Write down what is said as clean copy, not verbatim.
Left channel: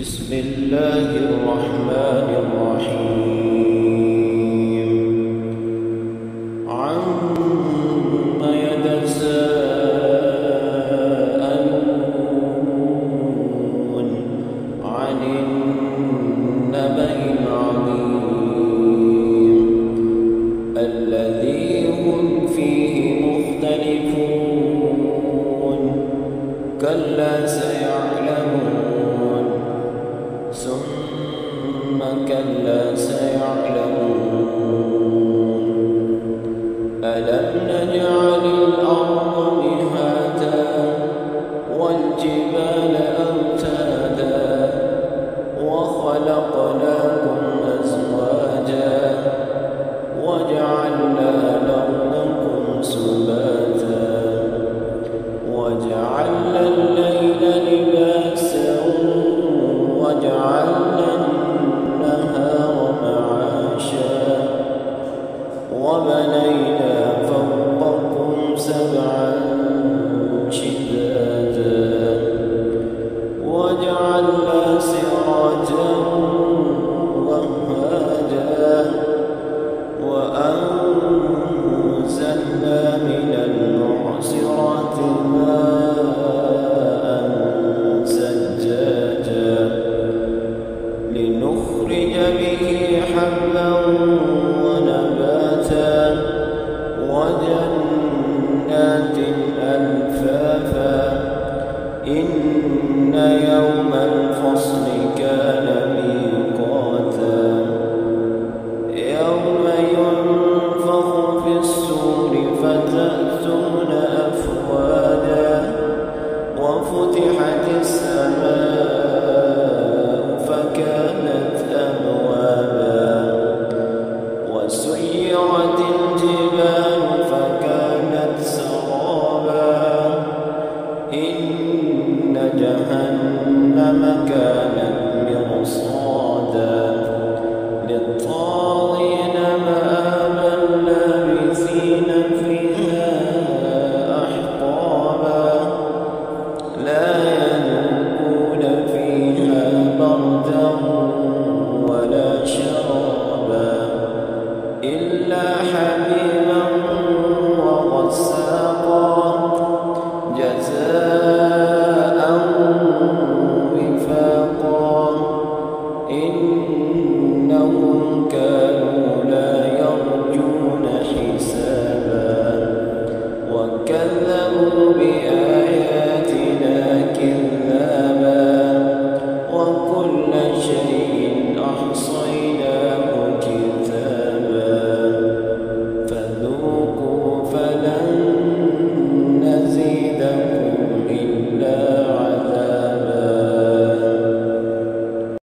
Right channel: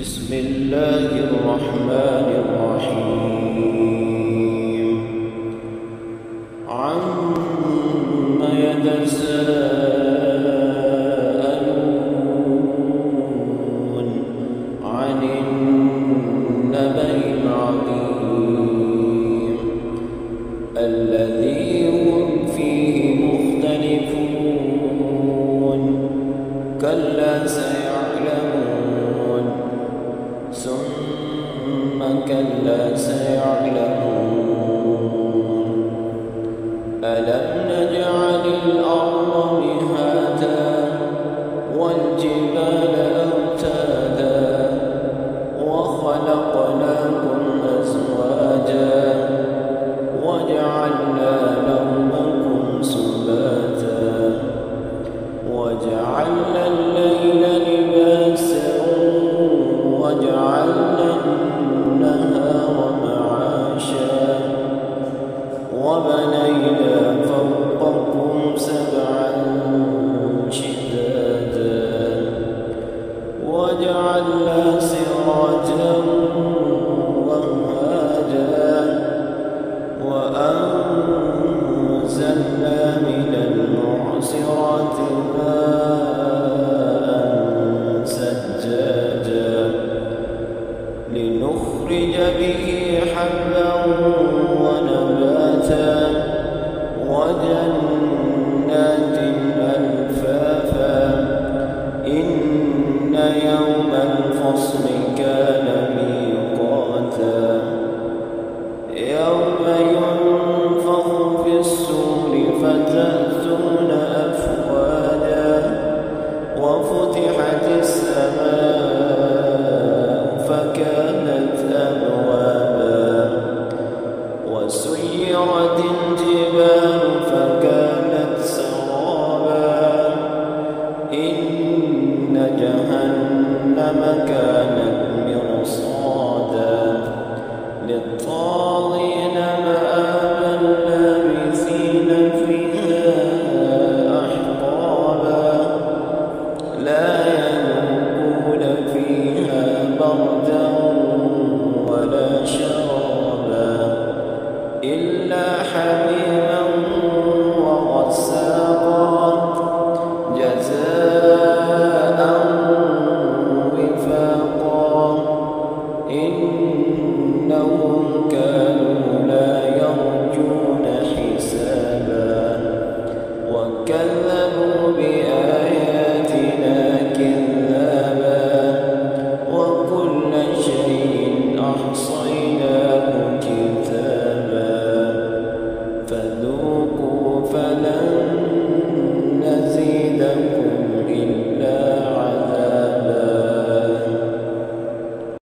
بسم الله الرحمن الرحيم عما يتساءلون عن النبأ العظيم الذي هم فيه مختلفون كلا سيعلمون ثم كلا سيعلمون ألم نجعل الأرض مهادا والجبال أوتادا وخلقناكم أزواجا وجعلنا نومكم سباتا وجعلنا الليل لباسا وجعلنا النهار معاشا وبنينا فوقكم سبعا شدادا وجعلنا سراجا وهاجا وأنزلنا من المعصرات ماء ثجاجا لنخرج به حبا ونباتا وجنات ألفافا إن يوم الفصل كان ميقاتا يوم ينفخ في الصور فتأتون أفواجا وفتحت السماء فكانت أبوابا وسيرت الجبال فكانت سرابا إن جهنم كانت مرصادا للطاغين مآبا لابثين فيها أحقابا لا يذوقون فيها بردا ولا شرابا إلا حميما وغساقا جزاء وفاقا إنهم كانوا لا يرجون حسابا وكذبوا بآياتنا كذابا وكل شيء أحصيناه كتابا فذوقوا فلن نزيدكم